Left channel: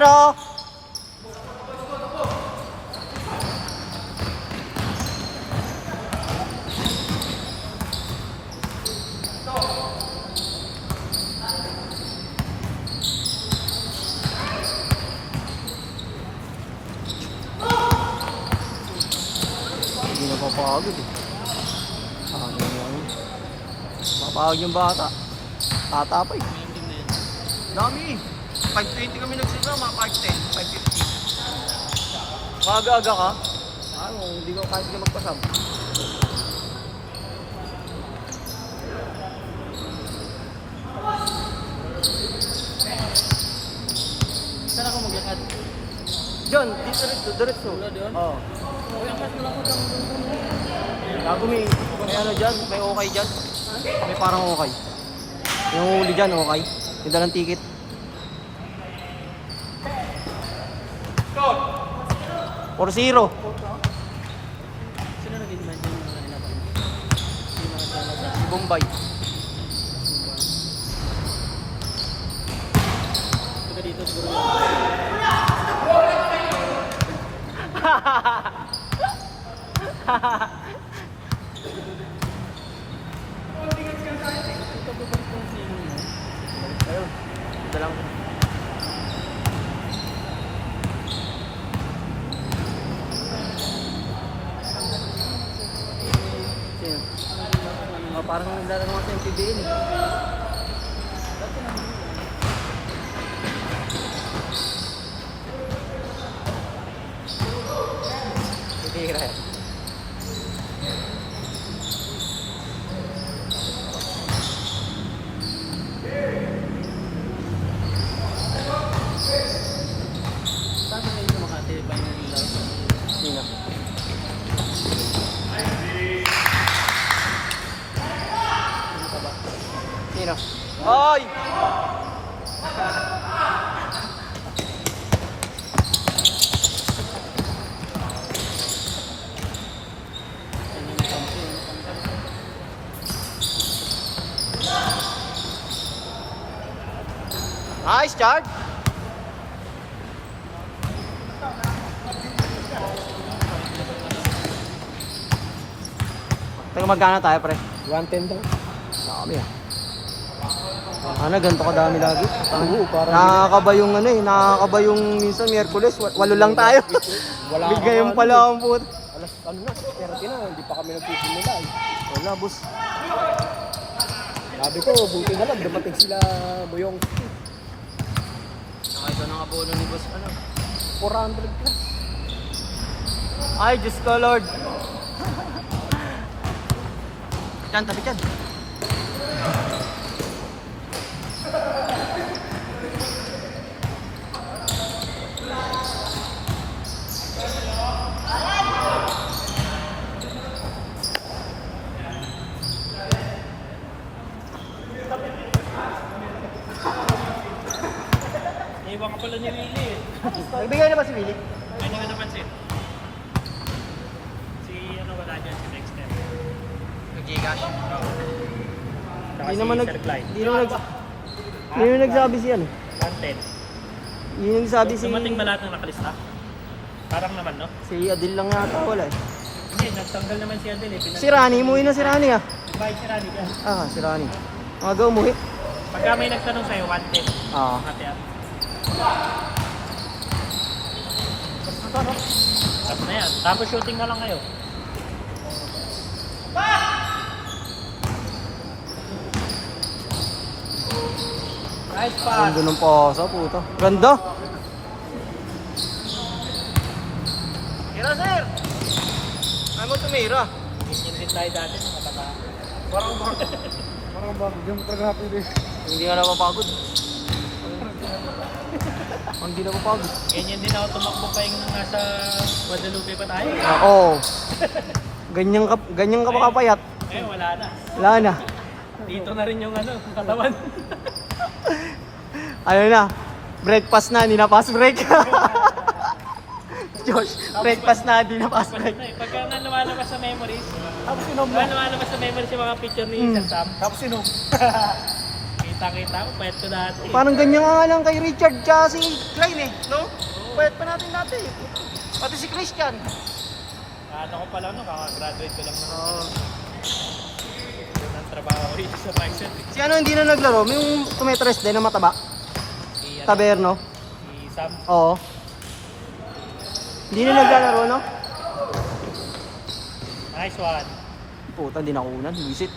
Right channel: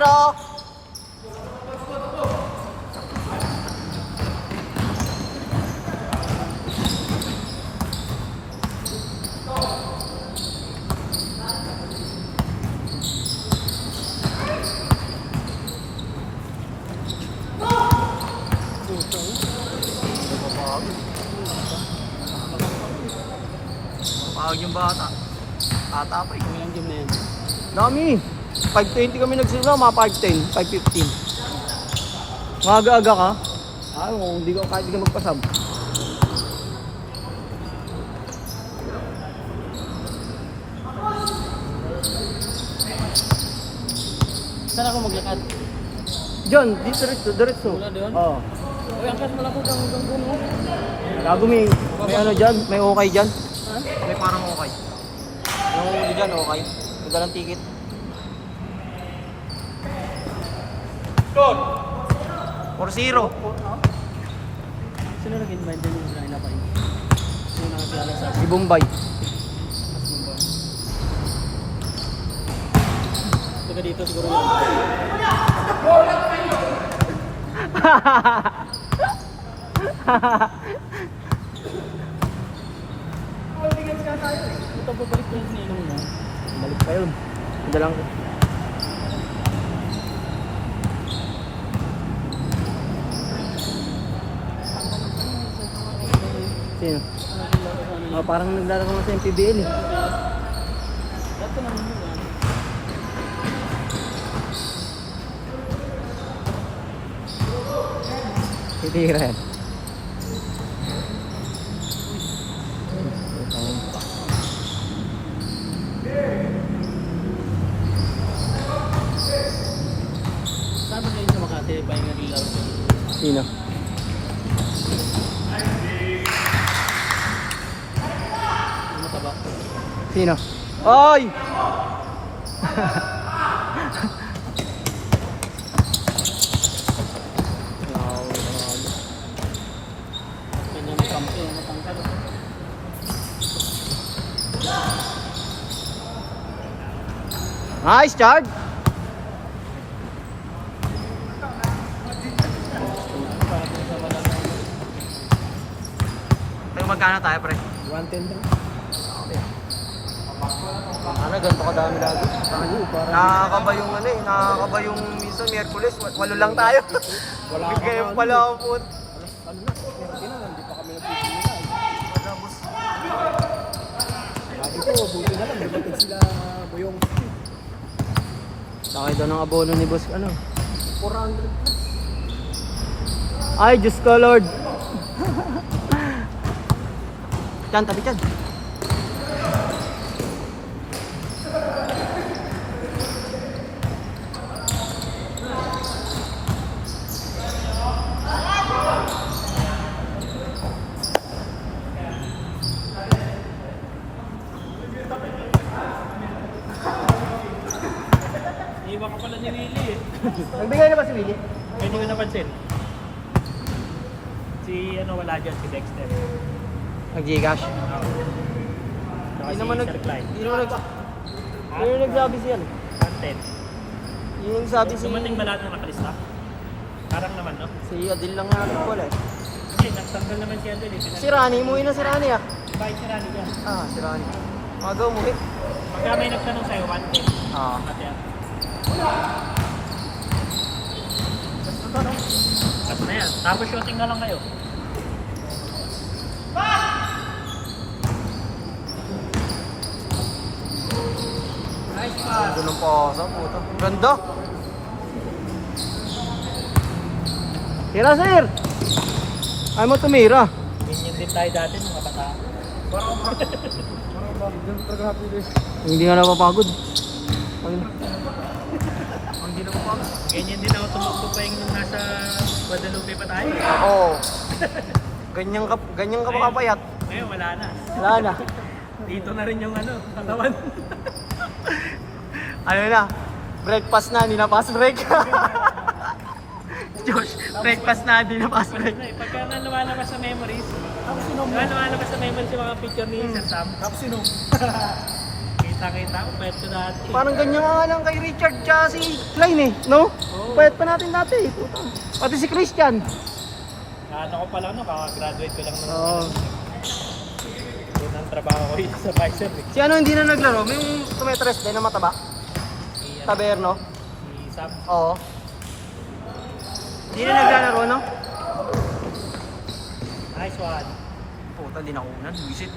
0. Pawag yung bata. Tatapay. Dami. 5:20 kami nagsunod, mga 5:10, 5:15. Maaga-aga ka? Ako, hindi ka kahit ka magpasab. Saan ako maglakad? Diyan, diretso. Wala doon? Oo. Okay, angkas mo lang po doon. Gago may ano dyan, may okay dyan. May parang okay. Yung huli dyan, okay. Ganda ng ticket. 4-0. Sino nag-invite din yung natin? Si Bombay. Taga dito siguro. Ito babalik yung sinilong mo. Balik pa yun. Dalang ko. Sino? Parang naglalaro sa MPBL. Hindi rin. Paano kayo sa Makati ba yung nag-ilaw? Sino? Ano tabak? Sino? Oy! Ano yung kampo? Nice charge! Tayo magkano tayo pre? 110 daw. Ano, ganito ka dami lagi. Oo, parang Nakakaba yung ano eh, nakakaba yung minsan Hercules, walo lang tayo. wala ka Bigyan pa, pala ano, ang put. ano na, 30 na, hindi pa kami nagsisimula. Wala boss. Sabi ko, buti na lang, dumating sila Buyong. Pakita ng abono ni boss ano. 400 plus. Ay, Diyos ko Lord. Diyan, tabi dyan. Iba ko pala ni Willie eh. Nagbigay na ba si Willie? Hindi ko napansin. Si ano wala dyan, si Dexter. Nag-Gcash. Hindi naman Hindi naman nagsabi siya. Content. Hindi naman nagsabi siya. Dumating ba lahat na nakalista? Parang naman, no? Si Adil lang nga wala. Hindi, nagtanggal naman si Adel eh. Si Rani, umuwi na si Rani ah. Bye, si Rani ka. Ah, si Rani. Maga umuwi. Pagka may nagtanong sa'yo, 110. Ah. Ayan, tapos shooting na lang kayo. Nice pass. Ganda ng pasa, puta. Ganda. Tira, sir. Ay mo tumira. Ganyan din tayo dati nung makata. Hindi nga napapagod. Hindi napapagod. Ganyan din ako tumakbo pa yung nasa Guadalupe pa tayo. Oo. Ganyan ka papayat. Ngayon wala na. Wala na. Dito na rin yung ano, katawan. Ayun na. Breakfast na, hindi na pass break. Josh, breakfast na, hindi na pass break. Pagka na lumalabas sa memories, Tapos sinom lumalabas sa memories yung mga picture ni Sir Sam. Tapos sinom. Dito Kita-kita mo, pwede ko dati. Parang ganyan nga lang kay Richard tsaka si Klein eh, no? Pwede pa natin dati. Pati si Christian. Ano ko pa lang na, graduate ko lang. Oo. Ang trabaho ko dito sa Bison. Si ano hindi na naglaro? May yung tumetres din na mataba. Taberno. Si Sam. Oo. Hindi na naglalaro, no? Nice one. Puta, di nakunan. Visit.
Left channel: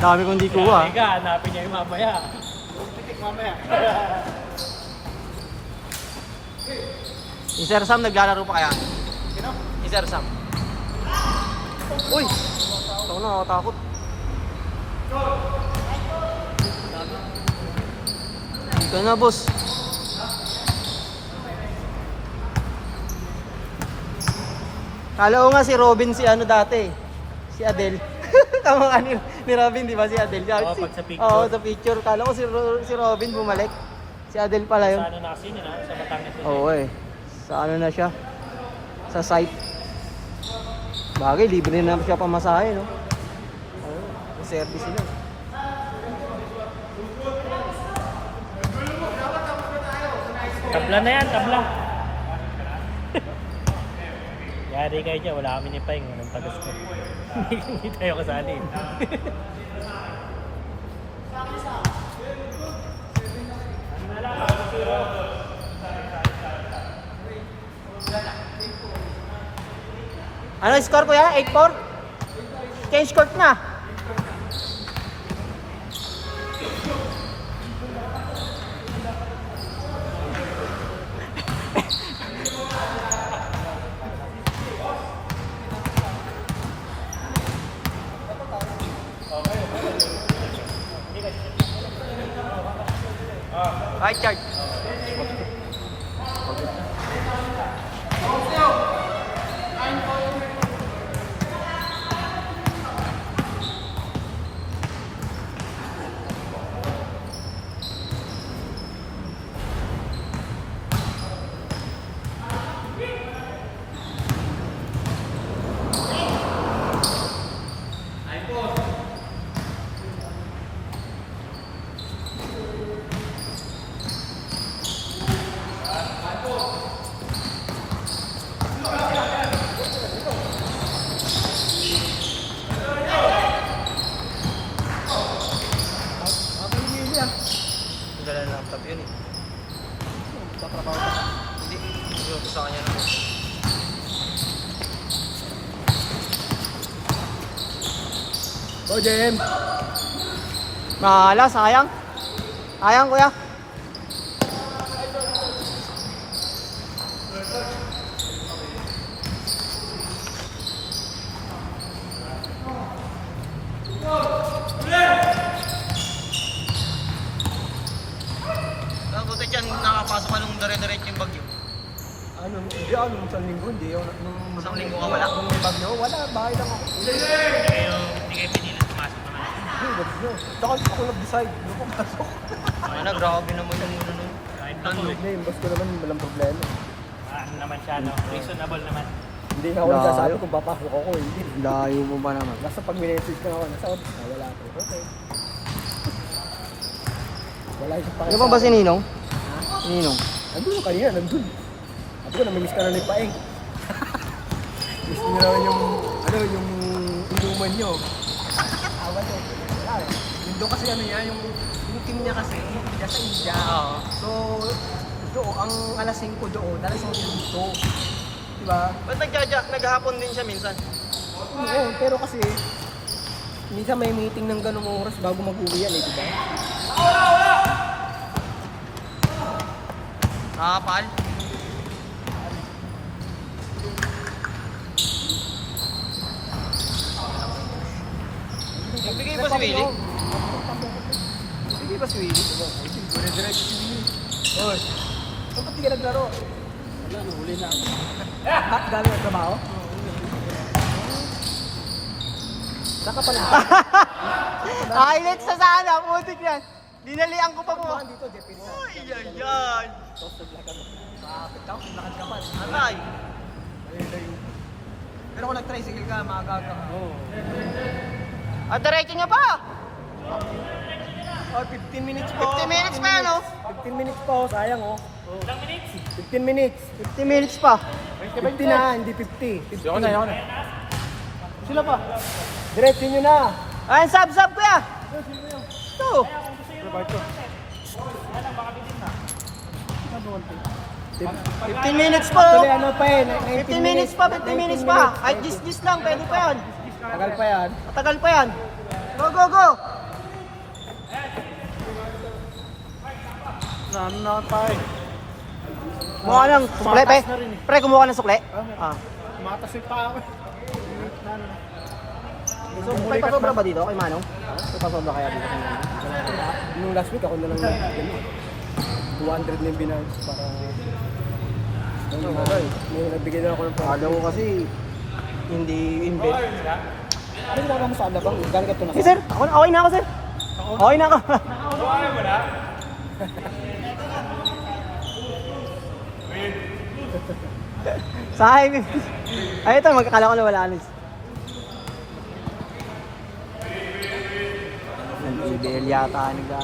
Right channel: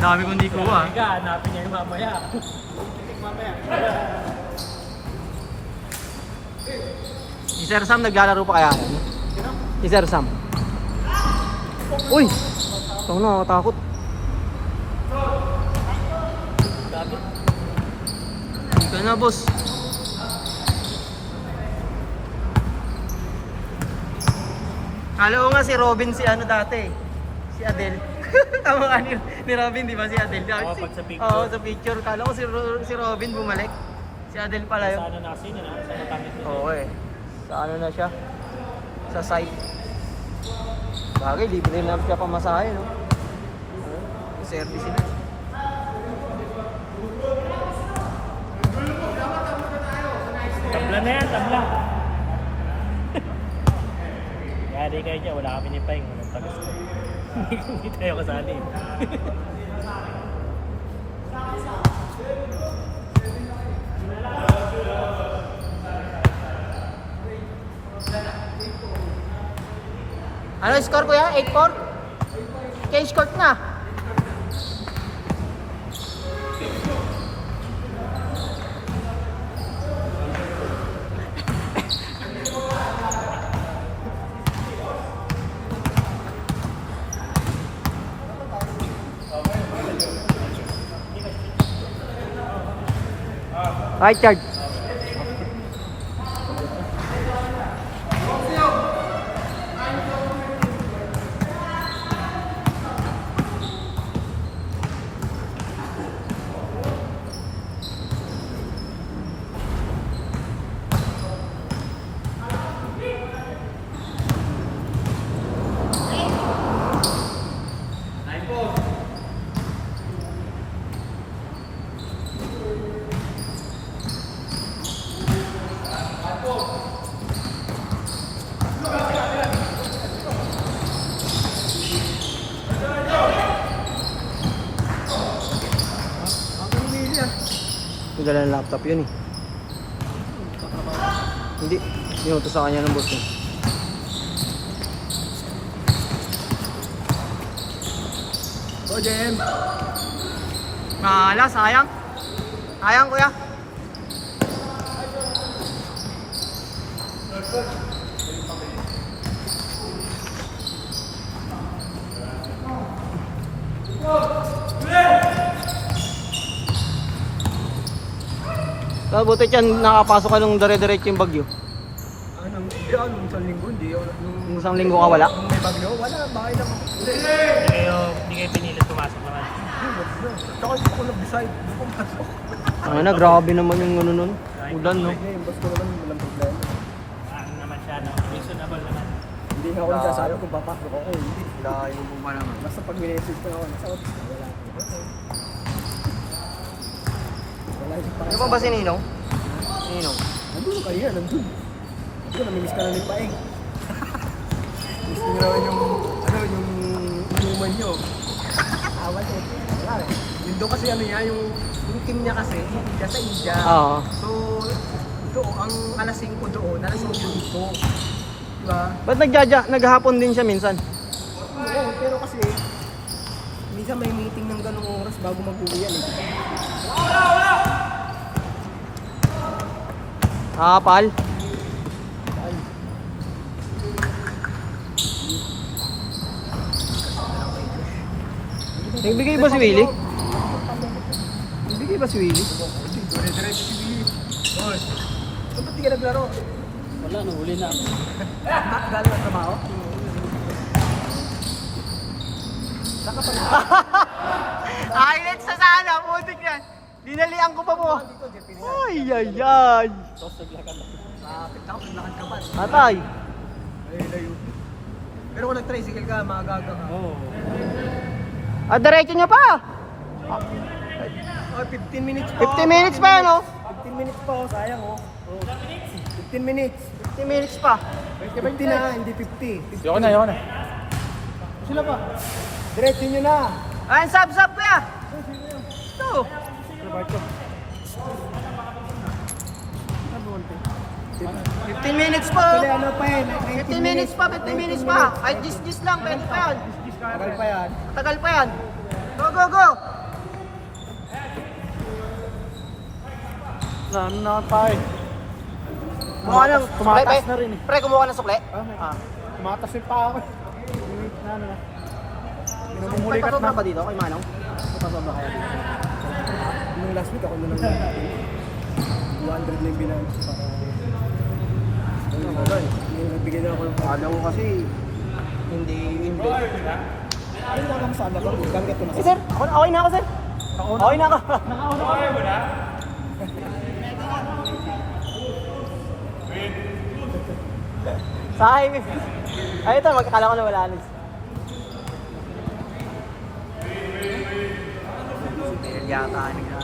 Dami kong di kuha. Higa, hanapin niya mamaya. Mamaya. Si Sir Sam naglalaro pa kaya? Si Sir Sam. Uy! Ito na, takot. Dito na, boss. Kala ko nga si Robin si ano dati. Si Adele. Tama ka ni Robin, di ba si Adele? Oo, pag sa picture. Oo, sa picture. Kala ko si Robin bumalik. Si Adele pala yun. Sa ano na kasi, sa kami. Oo eh. Sa ano na siya? Sa site. Bagay, libre na lang siya pamasahe, no? Service na. Tabla na yan, tabla. Kaya di kayo dyan, wala kami ni Peng. Hindi tayo kasali. Ano score ko yan? 8-4? K-score na. Right charge. Dala ng laptop yun eh. Hindi. Sinuto sa kanya ng boss. O, Jem. Mahala, sayang. Sayang kuya. Buti yan, nakapasok ka nung dire-diretso yung bagyo. Ano, hindi ako nung isang linggo, hindi ako. Nung isang linggo ka wala? Nung may bagyo, wala, bahay lang ako. Kayo, hindi kayo pinilit pumasok naman. Tsaka hindi ako nag-decide, hindi ako pumasok. Ano na, grabe naman yung ano nun. Udan, no? Yung basta naman, walang problema. Ano naman siya, no? Reasonable naman. Hindi nga ako nagsasabi kung papasok ako, hindi. Layo mo ba naman? Basta pag minessage ko ako, nasa office na, wala ako. Okay. Wala yung Ano pa ba si Ninong? Ninong? Nandun ka kanina, nandun. Ako, namimiss ka na ng paeng. Miss niyo naman yung, ano, yung naman nyo. Awan eh. Wala eh. Yun doon kasi ano niya, yung team niya kasi, India sa India. Oo. So, doon, ang alas 5 doon, alas 5 dito. Diba? Ba't naghahapon din siya minsan? Oo, pero kasi, minsan may meeting ng ganung oras bago mag-uwi yan eh. Diba? Kapal. Nagbigay ba si Willie? Nagbigay ba si Willie? Dire-diretso si Willie. Oy. Saan ba't di ka naglaro? Wala, nahuli na. Dami na trabaho? Dapat talaga. Highlights sa sana, putik yan. Dinalian ko pa mo. Ay, ay, ay. Kapit ako, naglakad ka pa. Atay. Ay, layo. Pero kung nag-tricycle ka, magagaga ka. Ah, diretso niya pa. Oh, 15 minutes pa. 50 minutes pa yan, oh. 15 minutes pa, oh. Sayang, oh. 15 minutes. 50 minutes pa. 50 na, hindi 50. Yoko na. Sila pa. Diretso nyo na. Ay, sub kuya. Ito. Roberto. 50 minutes pa, oh. Actually, ano pa eh, 19 50 minutes pa, 50 minutes pa. Kahit gis lang, pwede pa yan. Tagal pa yan. Tagal pa yan. Go, go, go. Na tayo. Mukha ng Tumatas sukle, na rin, eh. Pre, kumuha ng sukle. Tumatas yung paa ko. Limit na ano. May pasobra ba dito kay Mano? May pasobra kaya dito? Yung last week ako na lang 200 na yung binanggit sa ako. May nagbigay na ako ng Ano ko kasi hindi Ano lang sa anak ko? Ganggat ko na. Sir, okay na ako, sir. Okay na ako. Okay mo na? Sa highway. Ay, ito, magkakala ko na wala na. Sige, yata nila.